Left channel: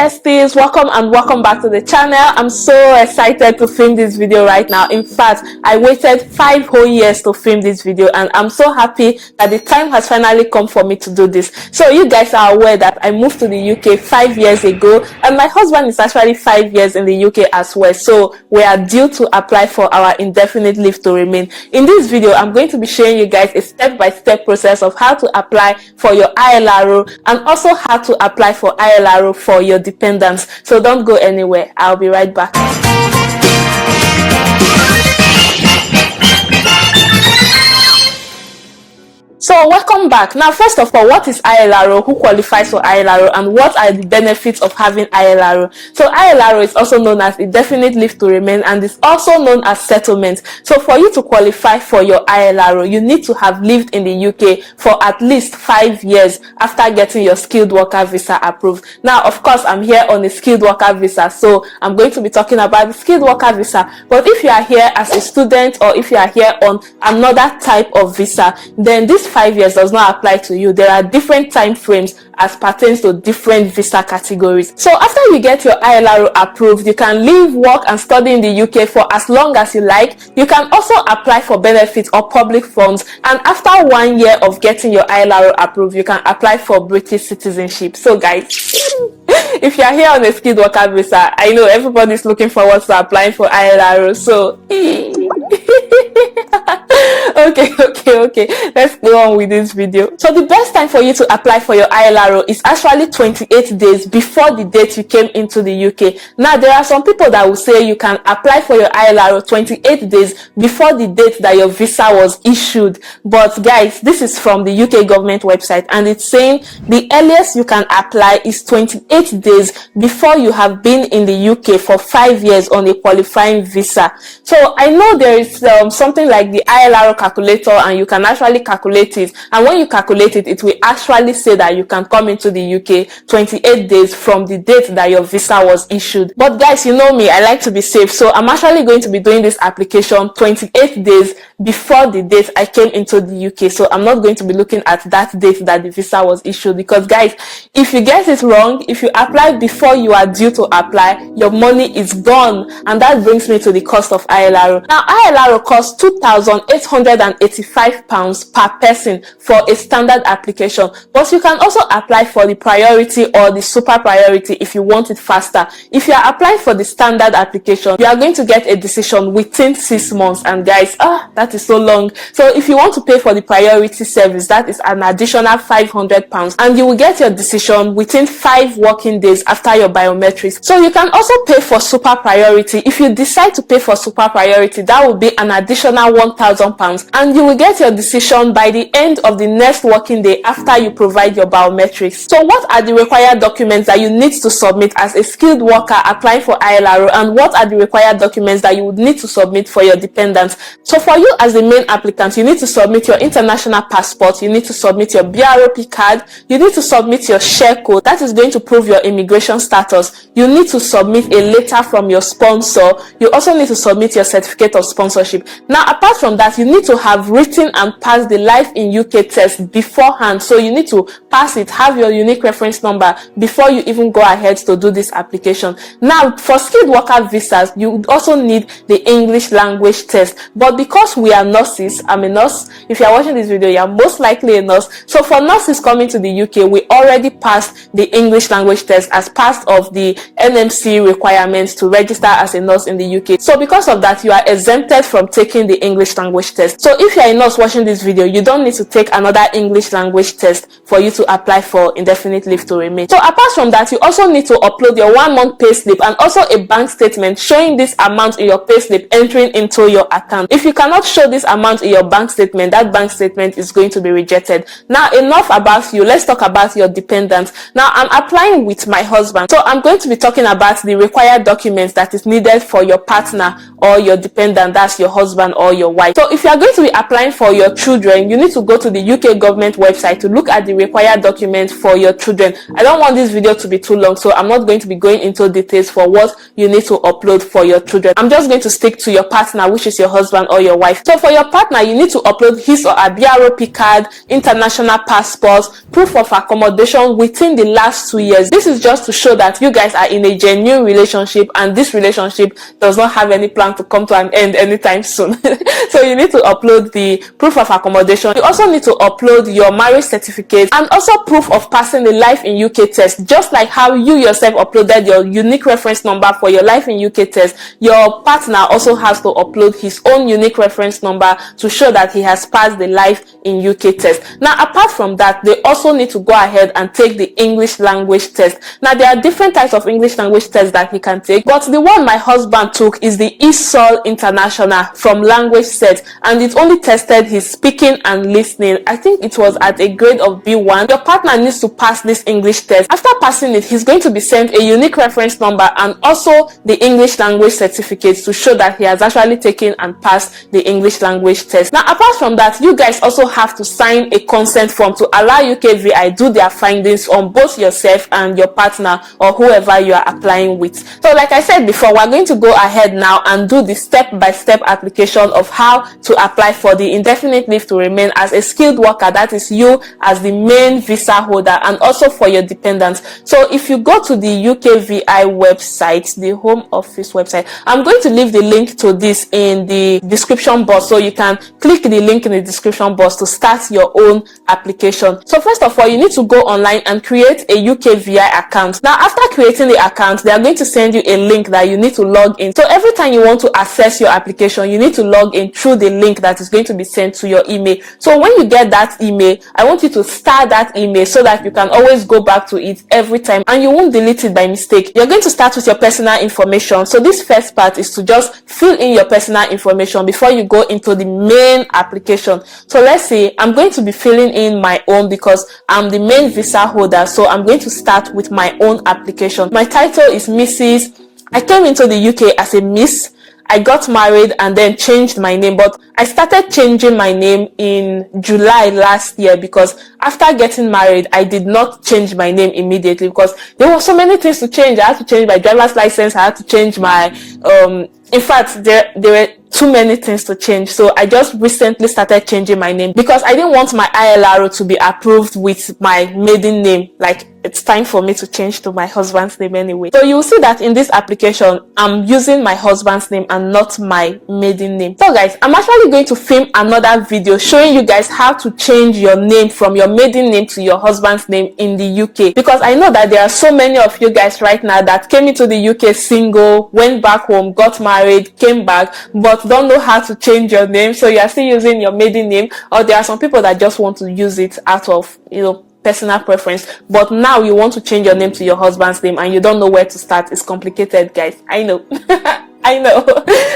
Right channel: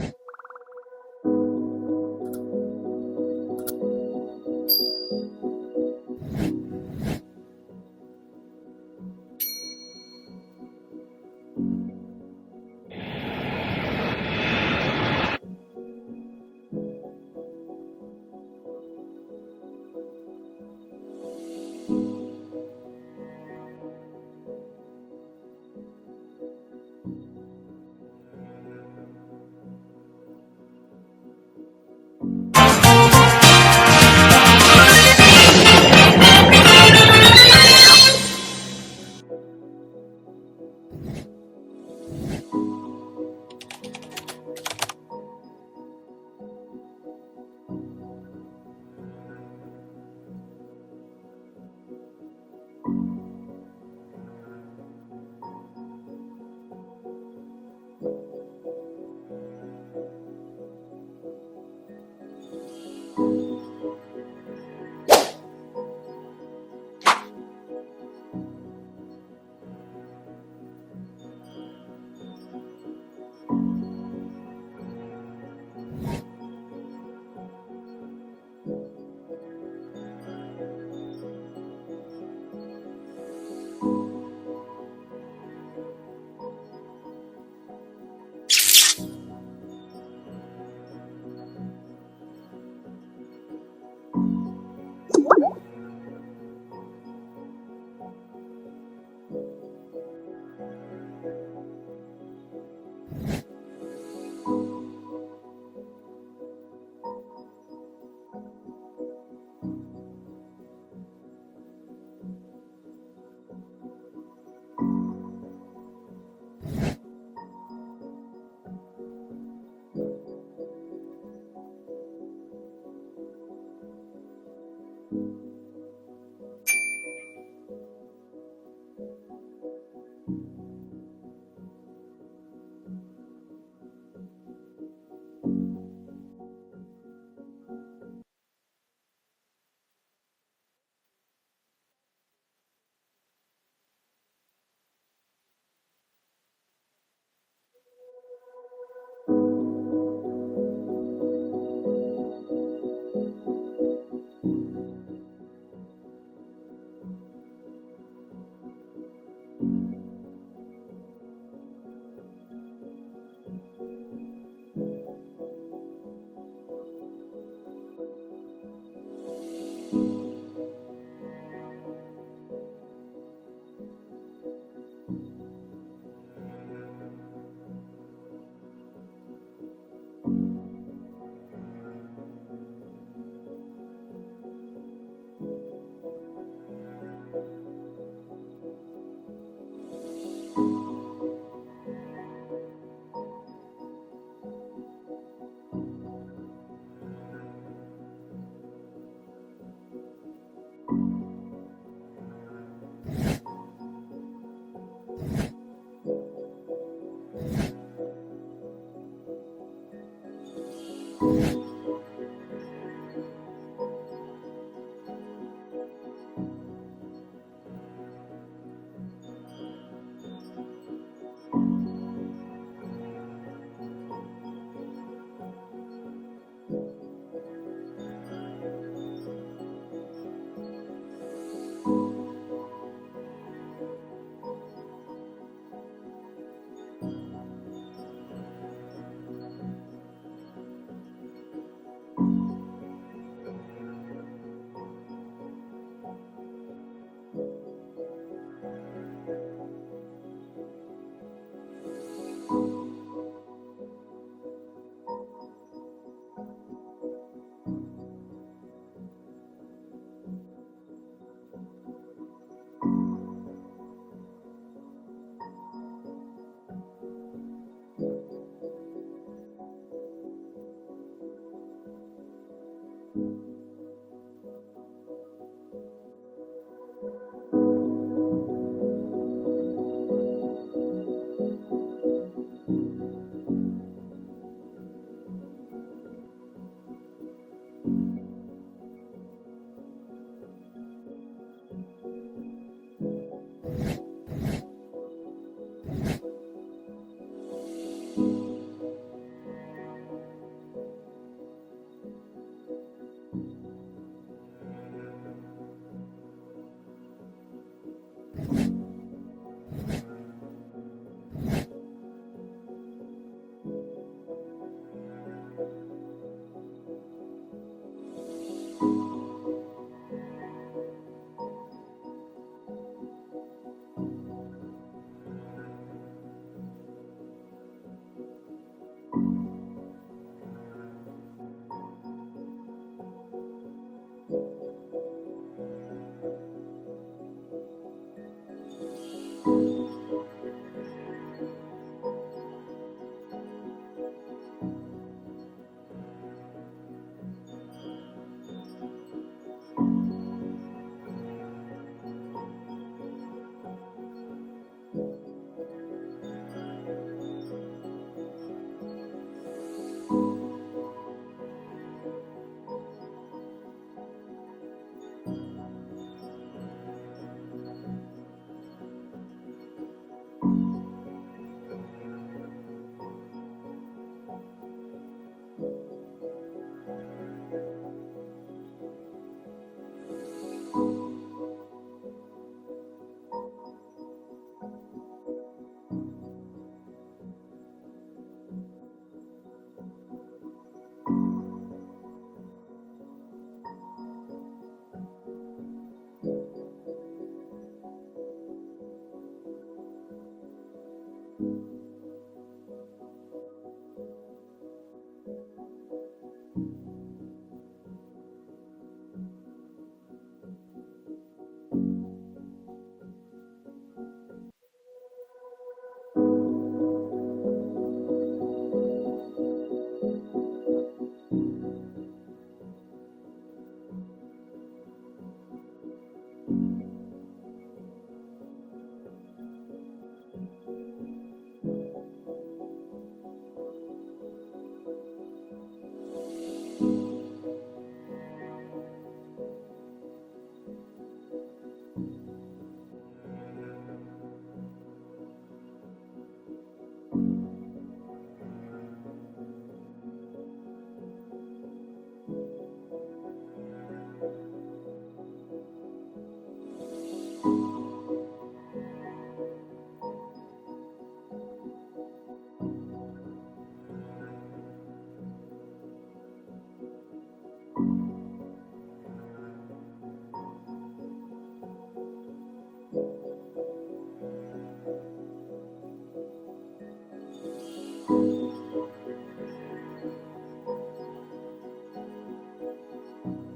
besties, welcome back to the channel. I'm so excited to film this video right now. In fact, I waited 5 whole years to film this video, and I'm so happy that the time has finally come for me to do this. So you guys are aware that I moved to the UK 5 years ago, and my husband is actually 5 years in the UK as well. So we are due to apply for our indefinite leave to remain. In this video, I'm going to be showing you guys a step-by-step process of how to apply for your ILRO and also how to apply for ILRO for your dependents. So don't go anywhere. I'll be right back. So welcome back. Now, first of all, what is ILRO? Who qualifies for ILRO, and what are the benefits of having ILRO? So ILRO is also known as indefinite leave to remain, and is also known as settlement. So for you to qualify for your ILRO, you need to have lived in the UK for at least 5 years after getting your skilled worker visa approved. Now, of course, I'm here on a skilled worker visa, so I'm going to be talking about the skilled worker visa. But if you are here as a student, or if you are here on another type of visa, then this 5 years does not apply to you. There are different time frames as pertains to different visa categories. So after you get your ILRO approved, you can live, work and study in the UK for as long as you like. You can also apply for benefits or public funds, and after 1 year of getting your ILRO approved, you can apply for British citizenship. So guys, if you are here on a skilled worker visa, I know everybody's looking forward to applying for ILRO, so okay, let's go on with this video. So the best time for you to apply for your ILRO is actually 28 days before the date you came into the UK. Now, there are some people that will say you can apply for your ILRO 28 days before the date that your visa was issued, but guys, this is from the UK government website, and it's saying the earliest you can apply is 28 days before you have been in the UK for 5 years on a qualifying visa. So I know there is something like the ILRO calculator, and you can actually calculate it, and when you calculate it, it will actually say that you can come into the UK 28 days from the date that your visa was issued. But guys, you know me, I like to be safe, so I'm actually going to be doing this application 28 days before the date I came into the UK. So I'm not going to be looking at that date that the visa was issued, because guys, if you get it wrong, if you apply before you are due to apply, your money is gone. And that brings me to the cost of ILRO. Now, ILRO costs £2,885 per person for a standard application, but you can also apply for the priority or the super priority if you want it faster. If you are applying for the standard application, you are going to get a decision within 6 months, and guys, that is so long. So if you want to pay for the priority service, that is an additional £500, and you will get your decision within 5 working days after your biometrics. So you can also pay for super priority. If you decide to pay for super priority, that will be an additional £1,000, and you will get your decision by the end of the next working day after you provide your biometrics. So what are the required documents that you need to submit as a skilled worker applying for ILRO, and what are the required documents that you would need to submit for your dependents? So for you as the main applicant, you need to submit your international passport, you need to submit your BROP card, you need to submit your share code, that is going to prove your immigration status. You need to submit a letter from your sponsor. You also need to submit your certificate of sponsorship. Now, apart from that, you need to have written and passed the Life in UK test beforehand. So you need to pass it, have your unique reference number before you even go ahead to do this application. Now, for skilled worker visas, you would also need the English language test. But because we are nurses, I'm a nurse. If you are watching this video, you are most likely a nurse. So for nurses coming to the UK, we already passed the English language test as part of the NMC requirements to register as a nurse in the UK. So because of that, you are exempted from taking the English language test. So if you are a nurse watching this video, you don't need to take another English language test for you to apply for indefinite leave to remain. So apart from that, you also need to upload your 1 month pay slip and also a bank statement showing this amount in your pay slip entering into your account. If you cannot show this amount in your bank statement, that bank statement is going to be rejected. Now, enough about you. Let's talk about your dependents. Now, I'm applying with my husband, so I'm going to be talking about the required documents that is needed for your partner or your dependent, that's your husband or your wife. So if you are going to be applying for your children, you need to go to the UK government website to look at the required documents for your children. I don't want this video to be too long, so I'm not going to be going into details for what you need to upload for your children. I'm just going to stick to your partner, which is your husband or your wife. life. So for your partner, you need to upload his or her BROP card, international passport, proof of accommodation within the last 2 years. This is just to show that you guys are in a genuine relationship and this relationship does not have any plan to come to an end anytime soon. So you need to upload the proof of accommodation. You also need to upload your marriage certificate and also proof of passing the Life in UK test. Just like how you yourself uploaded your unique reference number for your Life in UK test, your partner also has to upload his own unique reference number to show that he has passed the Life in UK test. Now, apart from that, they also need to go ahead and take the English language test. Now, there are different types of English language tests that he can take, but the one my husband took is the ESOL International from Language Set, and it only tested his speaking and listening. I think it was at a grade of B1. Your partner needs to pass this English test. After passing it, he's going to be sent a unique reference number and also the English language certificate to show that he has actually taken and passed the English language test. Now, apart from that, you guys also have to sign a consent form to allow UKVI do their findings on both yourself and your partner or whoever you are applying with. So like I said before, we're going to go ahead now and do the step-by-step application of how to apply for the indefinite leave to remain as a skilled worker. That is you as the main visa holder, and also for your dependents. So if you go to the UKVI website, the Home Office website, I'm going to leave the link to this in the description box, so you can click the link in the description box to start your own application. So first of all, you need to go online and create a UKVI account. Now, after creating the account, they are going to send you a link that you need to log in. So every time you want to access your application, you need to log in through the link that is going to be sent to your email. So when you get that email, I want you to start that email so that you can always go back to it every time and you won't delete it by mistake. You're going to start with your personal information. So this first part is to just fill in your personal information before you go into the main application. So let's say I'm going to be filling in my own because I'm the main visa holder. So I'm going to start with my own application. My title is Mrs. I came into the UK as a Miss. I got married and then changed my name, but I started changing my name in July last year because after getting married, I did not change my name immediately because there were so many things to change. I had to change my driver's license. I had to change my, in fact, there were too many things to change. So I just recently started changing my name because I didn't want my ILRO to be approved with my maiden name. Like, it's time for me to change to my husband's name anyway. So you'll see that in this application, I'm using my husband's name and not my maiden name. So guys, I'm actually going to film another video showing you guys how to change your name from your maiden name to your husband's name in the UK, because I know that there are so many of you guys right now that came into the UK single, went back home, got married, came back, but don't know how to change your name. So you are still using your maiden name, or there are some people that just want to use it out of, personal preference, but now you want to change your name to your husband's name and you don't know where to start. It's complicated, guys. I know. I know.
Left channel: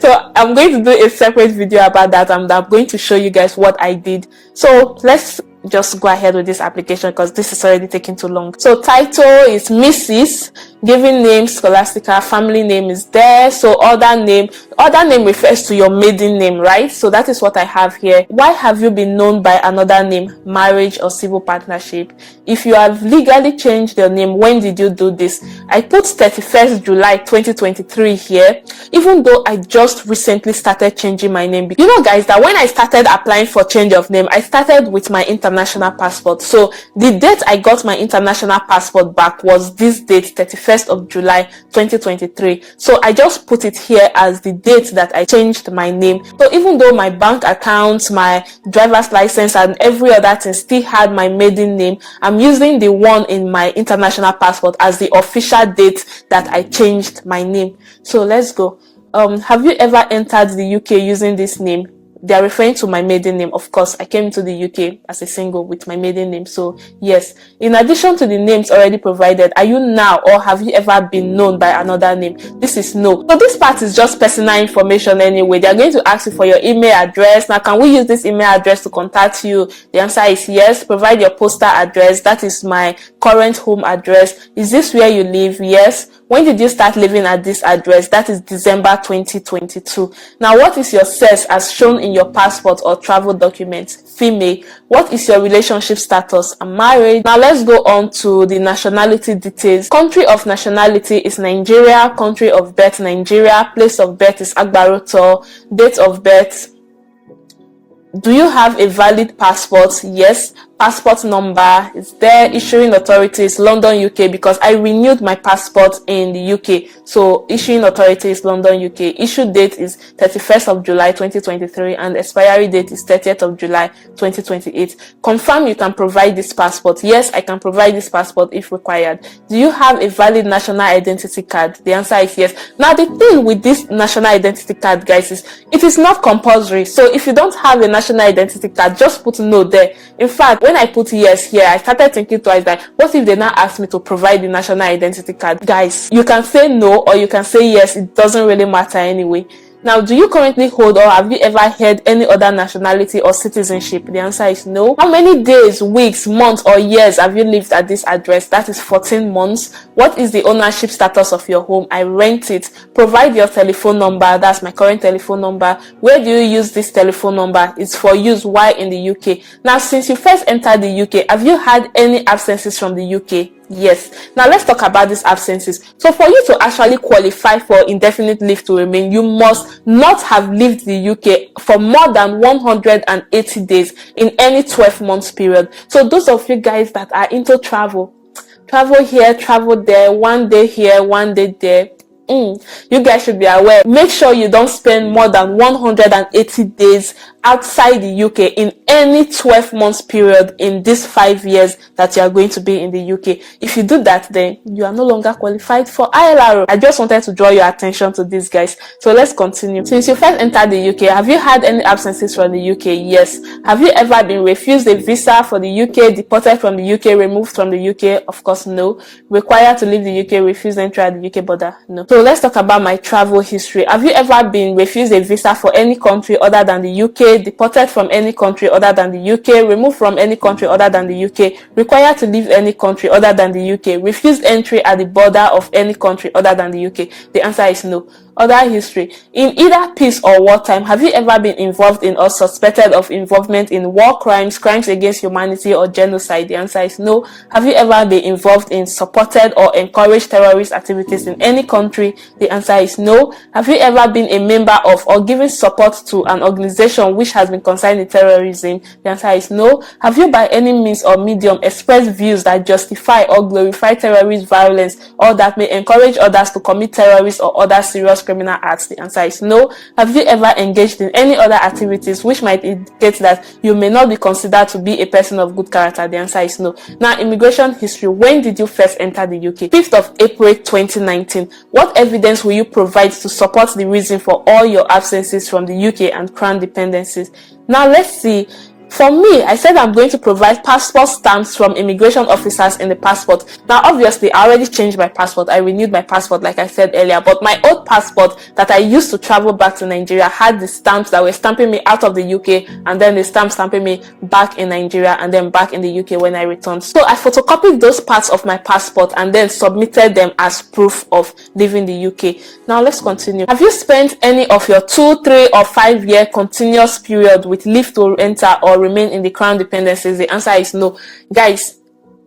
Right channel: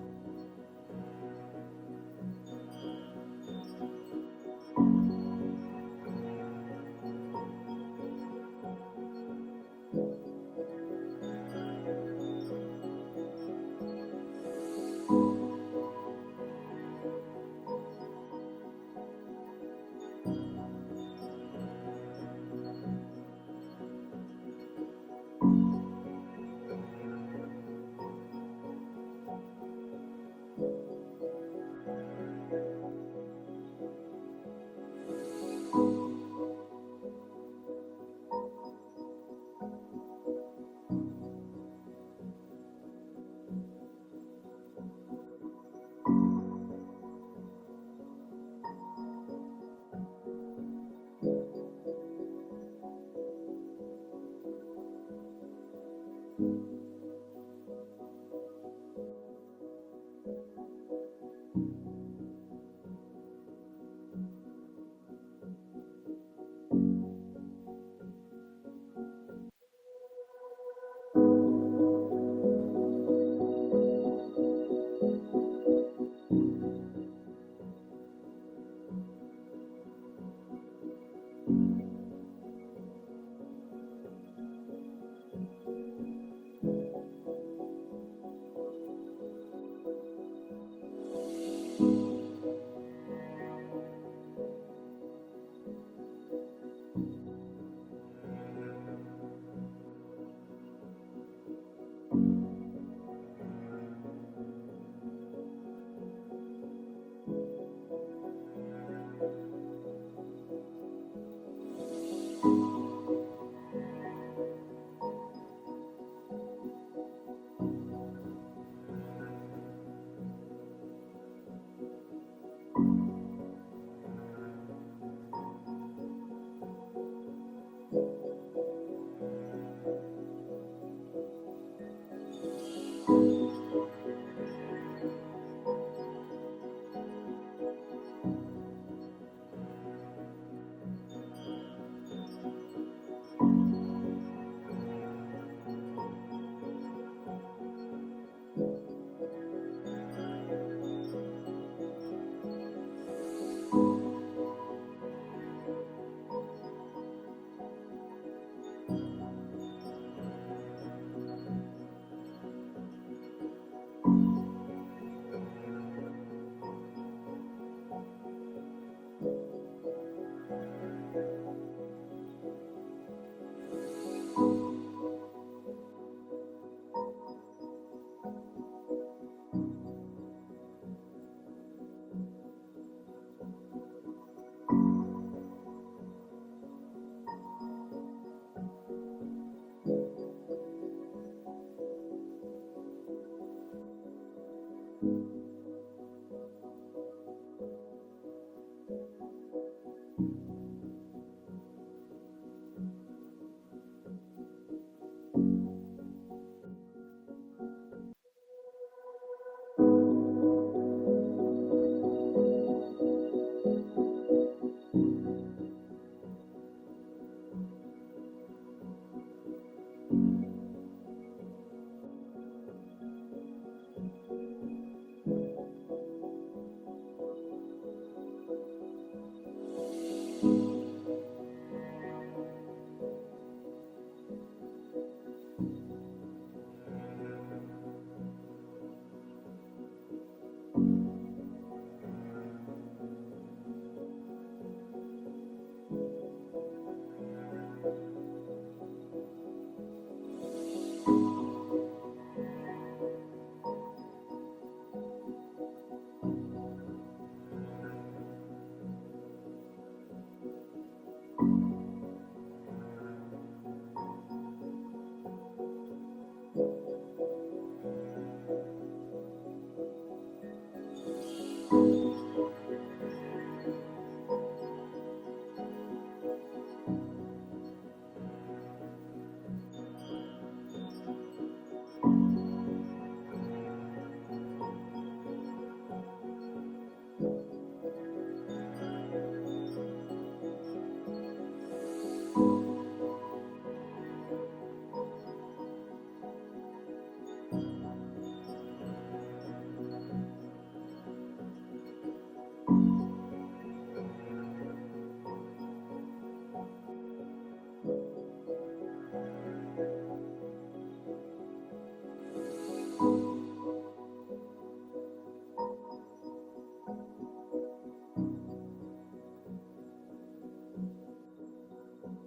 So I'm going to do a separate video about that, and I'm going to show you guys what I did. So let's just go ahead with this application because this is already taking too long. So title is Mrs. Given name Scholastica, family name is there. So other name refers to your maiden name, right? So that is what I have here. Why have you been known by another name? Marriage or civil partnership? If you have legally changed your name, when did you do this? I put 31st July 2023 here, even though I just recently started changing my name. You know, guys, that when I started applying for change of name, I started with my international passport. So the date I got my international passport back was this date, 31st of July 2023. So I just put it here as the date that I changed my name. So even though my bank account, my driver's license and every other thing still had my maiden name, I'm using the one in my international passport as the official date that I changed my name. So let's go. Have you ever entered the UK using this name? They are referring to my maiden name. Of course, I came to the UK as a single with my maiden name. So yes, in addition to the names already provided, are you now or have you ever been known by another name? This is no. So this part is just personal information anyway. They are going to ask you for your email address. Now, can we use this email address to contact you? The answer is yes. Provide your postal address. That is my current home address. Is this where you live? Yes. When did you start living at this address? That is December 2022. Now, what is your sex as shown in your passport or travel documents? Female. What is your relationship status? I'm married. Now, let's go on to the nationality details. Country of nationality is Nigeria. Country of birth, Nigeria. Place of birth is Agbaroto. Date of birth Do you have a valid passport? Yes. Passport number is there. Issuing authority is London, UK, because I renewed my passport in the UK. So issuing authority is London, UK. Issue date is 31st of July 2023 and expiry date is 30th of July 2028. Confirm you can provide this passport. Yes, I can provide this passport if required. Do you have a valid national identity card? The answer is yes. Now the thing with this national identity card, guys, is it is not compulsory. So if you don't have a national identity card, just put no there. In fact, when I put yes here, I started thinking twice that what if they now ask me to provide the national identity card? Guys, you can say no or you can say yes. It doesn't really matter anyway. Now, do you currently hold or have you ever held any other nationality or citizenship? The answer is no. How many days, weeks, months, or years have you lived at this address? That is 14 months. What is the ownership status of your home? I rent it. Provide your telephone number. That's my current telephone number. Where do you use this telephone number? It's for use while in the UK. Now, since you first entered the UK, have you had any absences from the UK? Yes. Now let's talk about these absences. So for you to actually qualify for indefinite leave to remain, you must not have lived the UK for more than 180 days in any 12 months period. So those of you guys that are into travel here, travel there, one day here, one day there, you guys should be aware. Make sure you don't spend more than 180 days outside the UK in any 12 months period in these 5 years that you are going to be in the UK. If you do that, then you are no longer qualified for ILR. I just wanted to draw your attention to this, guys. So let's continue. Since you first entered the UK, have you had any absences from the UK? Yes. Have you ever been refused a visa for the UK, deported from the UK, removed from the UK? Of course, no. Required to leave the UK, refused entry at the UK border? No. So let's talk about my travel history. Have you ever been refused a visa for any country other than the UK, deported from any country other than the UK, removed from any country other than the UK, required to leave any country other than the UK, refused entry at the border of any country other than the UK? The answer is no. Other history. In either peace or wartime, have you ever been involved in or suspected of involvement in war crimes, crimes against humanity, or genocide? The answer is no. Have you ever been involved in, supported, or encouraged terrorist activities in any country? The answer is no. Have you ever been a member of or given support to an organization which has been concerned in terrorism? The answer is no. Have you by any means or medium expressed views that justify or glorify terrorist violence or that may encourage others to commit terrorist or other serious criminal acts? The answer is no. Have you ever engaged in any other activities which might indicate that you may not be considered to be a person of good character? The answer is no. Now, immigration history. When did you first enter the UK? 5th of April 2019. What evidence will you provide to support the reason for all your absences from the UK and Crown dependencies? Now let's see. For me, I said I'm going to provide passport stamps from immigration officers in the passport. Now, obviously, I already changed my passport. I renewed my passport, like I said earlier. But my old passport that I used to travel back to Nigeria had the stamps that were stamping me out of the UK, and then the stamp stamping me back in Nigeria, and then back in the UK when I returned. So I photocopied those parts of my passport and then submitted them as proof of leaving the UK. Now, let's continue. Have you spent any of your 2, 3, or 5 year continuous period with leave to enter or remain in the Crown dependencies? The answer is no. Guys,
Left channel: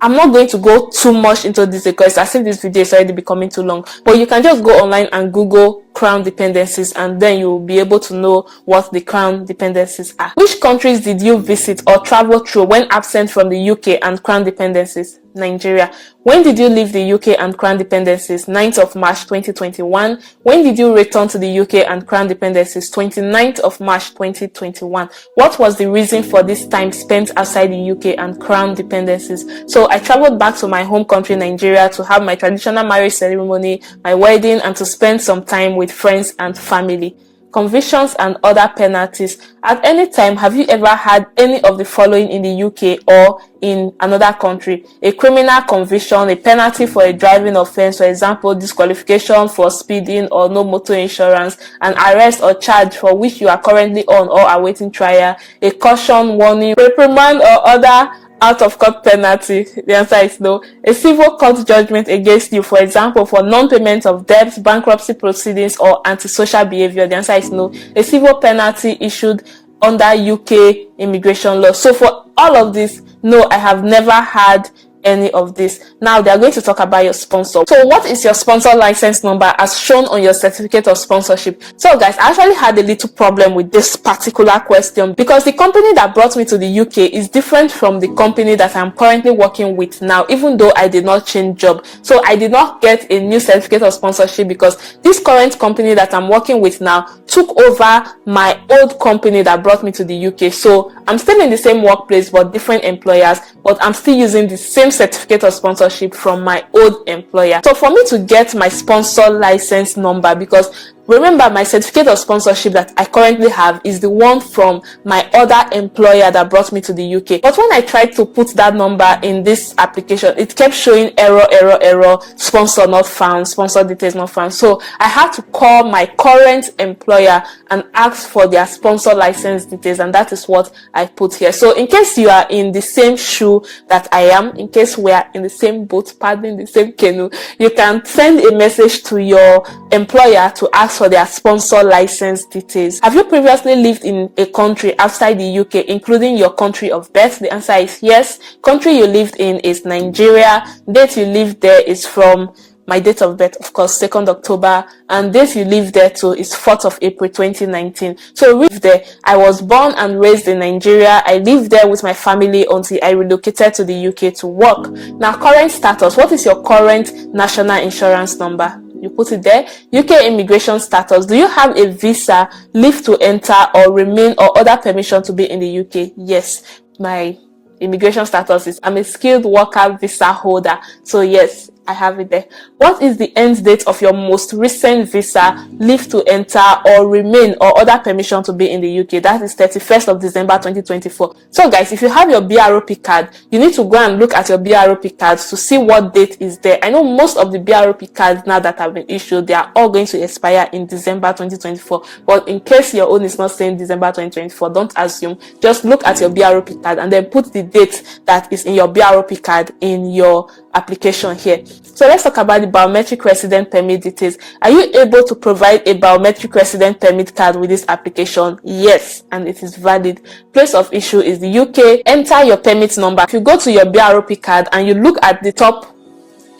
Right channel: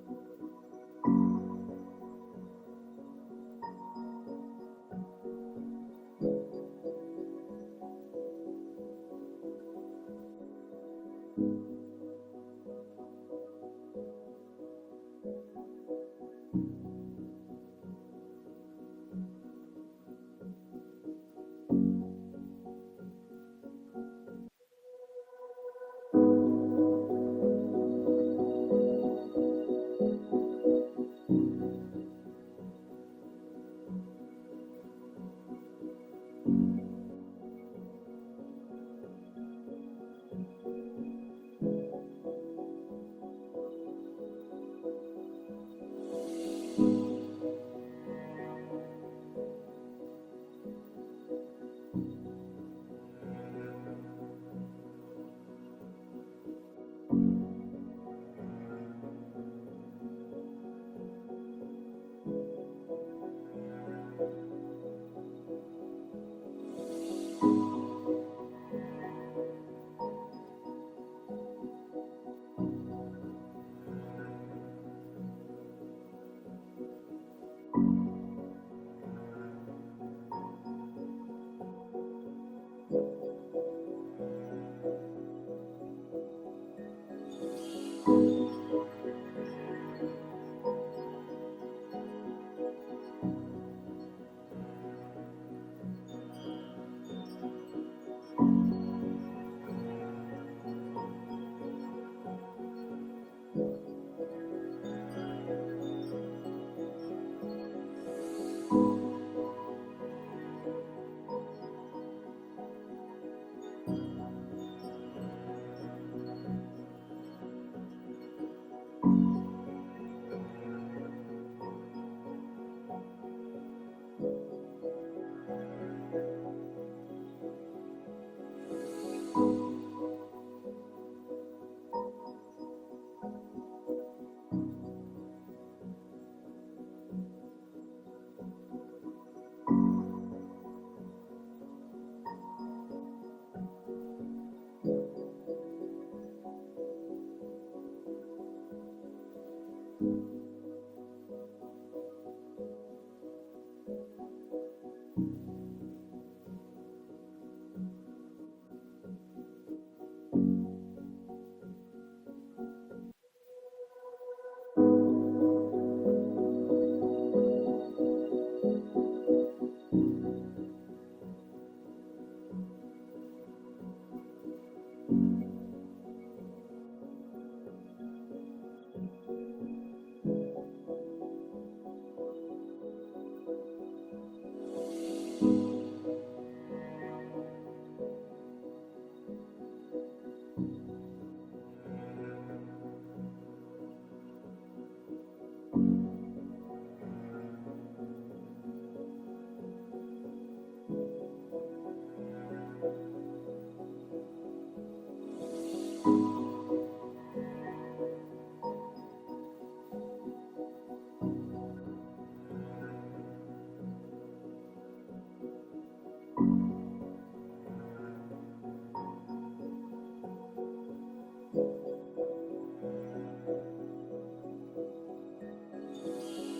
I'm not going to go too much into this because I think this video is already becoming too long, but you can just go online and Google Crown dependencies and then you'll be able to know what the Crown dependencies are. Which countries did you visit or travel through when absent from the UK and Crown dependencies? Nigeria. When did you leave the UK and Crown dependencies? 9th of March 2021. When did you return to the UK and Crown dependencies? 29th of March 2021. What was the reason for this time spent outside the UK and Crown dependencies? So I traveled back to my home country, Nigeria, to have my traditional marriage ceremony, my wedding, and to spend some time with friends and family. Convictions and other penalties. At any time, have you ever had any of the following in the UK or in another country? A criminal conviction, a penalty for a driving offense, for example, disqualification for speeding or no motor insurance, an arrest or charge for which you are currently on or awaiting trial, a caution, warning, reprimand, or other out-of-court penalty? The answer is no. A civil court judgment against you, for example, for non-payment of debts, bankruptcy proceedings, or antisocial behavior? The answer is no. A civil penalty issued under UK immigration law. So for all of this, no, I have never had any of this. Now they are going to talk about your sponsor. So what is your sponsor license number as shown on your certificate of sponsorship? So guys, I actually had a little problem with this particular question because the company that brought me to the UK is different from the company that I'm currently working with now, even though I did not change job. So I did not get a new certificate of sponsorship because this current company that I'm working with now took over my old company that brought me to the UK. So I'm still in the same workplace but different employers, but I'm still using the same certificate of sponsorship from my old employer. So for me to get my sponsor license number, because remember, my certificate of sponsorship that I currently have is the one from my other employer that brought me to the UK. But when I tried to put that number in this application, it kept showing error, sponsor not found, sponsor details not found. So I had to call my current employer and ask for their sponsor license details, and that is what I put here. So in case you are in the same shoe that I am, in case we are in the same boat, paddling the same canoe, you can send a message to your employer to ask for their sponsor license details. Have you previously lived in a country outside the UK, including your country of birth? The answer is yes. Country you lived in is Nigeria. Date you lived there is from my date of birth, of course, 2nd October, and date you lived there too is 4th of April 2019. So lived there. I was born and raised in Nigeria. I lived there with my family until I relocated to the UK to work. Now, current status. What is your current national insurance number? You put it there. UK immigration status. Do you have a visa, leave to enter or remain, or other permission to be in the UK? Yes. My immigration status is I'm a skilled worker visa holder. So yes, I have it there. What is the end date of your most recent visa, leave to enter or remain, or other permission to be in the UK? That is 31st of December 2024. So guys, if you have your BROP card, you need to go and look at your BROP cards to see what date is there. I know most of the BROP cards now that have been issued, they are all going to expire in December 2024. But in case your own is not saying December 2024, don't assume. Just look at your BROP card and then put the date that is in your BROP card in your application here. So let's talk about the biometric resident permit details. Are you able to provide a biometric resident permit card with this application? Yes, and it is valid. Place of issue is the UK. Enter your permit number. If you go to your BROP card and you look at the top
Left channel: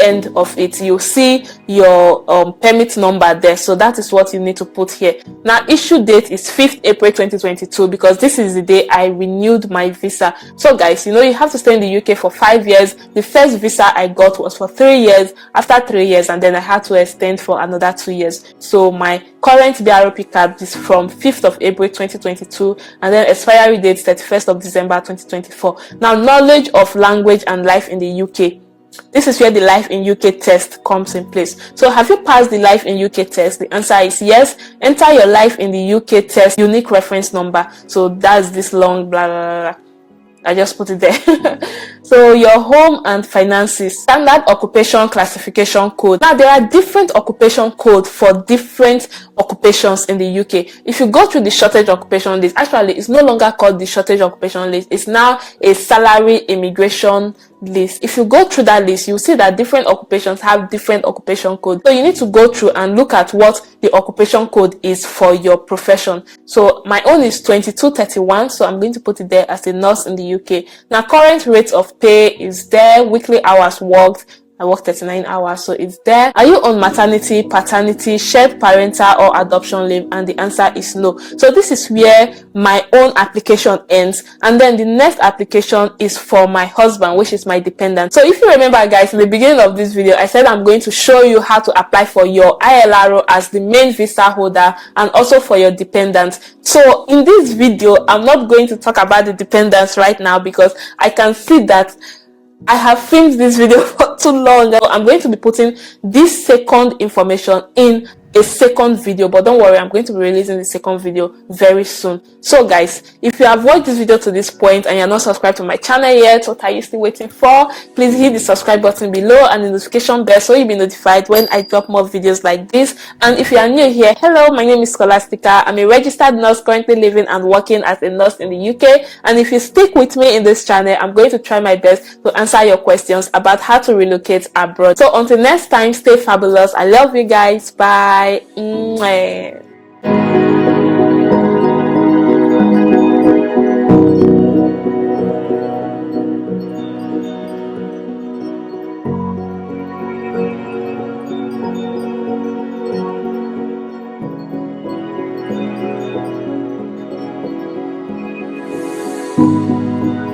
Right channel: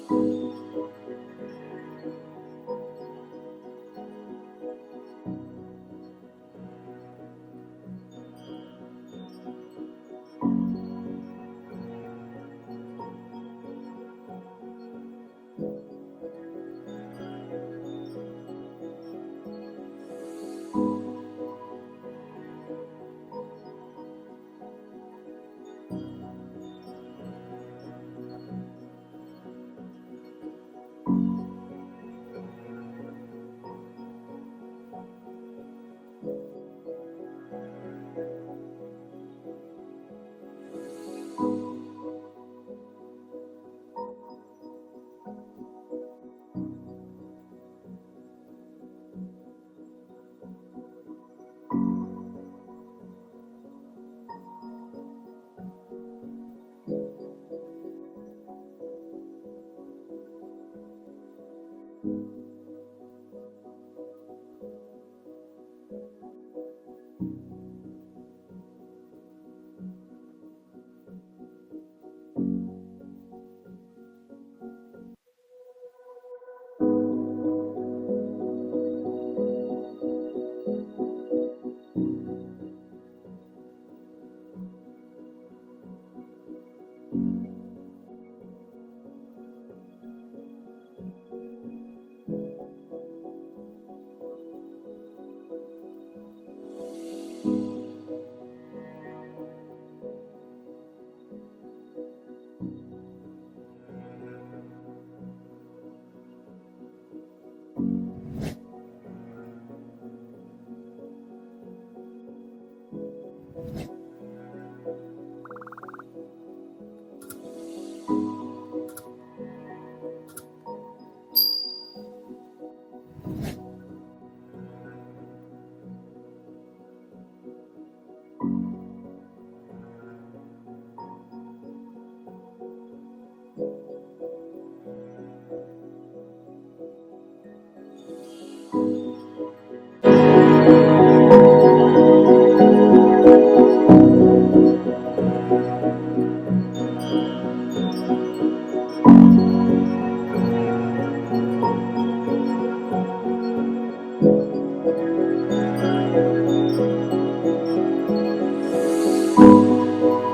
end of it, you'll see your permit number there. So that is what you need to put here. Now, issue date is 5th April 2022 because this is the day I renewed my visa. So guys, you know, you have to stay in the UK for 5 years. The first visa I got was for 3 years. After 3 years, and then I had to extend for another 2 years. So my current BROP card is from 5th of April 2022, and then expiry date 31st of December 2024. Now, knowledge of language and life in the UK. This is where the Life in UK test comes in place. So have you passed the Life in UK test? The answer is yes. Enter your Life in the UK test unique reference number. So that's this long blah blah blah. I just put it there. So your home and finances, standard occupation classification code. Now there are different occupation codes for different occupations in the UK. If you go through the shortage occupation list, actually it's no longer called the shortage occupation list. It's now a salary immigration list. If you go through that list, you'll see that different occupations have different occupation codes. So you need to go through and look at what the occupation code is for your profession. So my own is 2231, so I'm going to put it there as a nurse in the UK. Now current rate of pay is there, weekly hours worked. I work 39 hours, so it's there. Are you on maternity, paternity, shared parental or adoption leave? And the answer is no. So this is where my own application ends. And then the next application is for my husband, which is my dependent. So if you remember guys, in the beginning of this video, I said I'm going to show you how to apply for your ILRO as the main visa holder and also for your dependent. So in this video, I'm not going to talk about the dependents right now because I can see that I have filmed this video for too long. I'm going to be putting this second information in a second video, but don't worry, I'm going to be releasing the second video very soon. So guys, if you have watched this video to this point and you're not subscribed to my channel yet, what are you still waiting for? Please hit the subscribe button below and the notification bell so you'll be notified when I drop more videos like this. And if you are new here, hello, my name is Scholastica. I'm a registered nurse currently living and working as a nurse in the UK. And if you stick with me in this channel, I'm going to try my best to answer your questions about how to relocate abroad. So until next time, stay fabulous. I love you guys. Bye.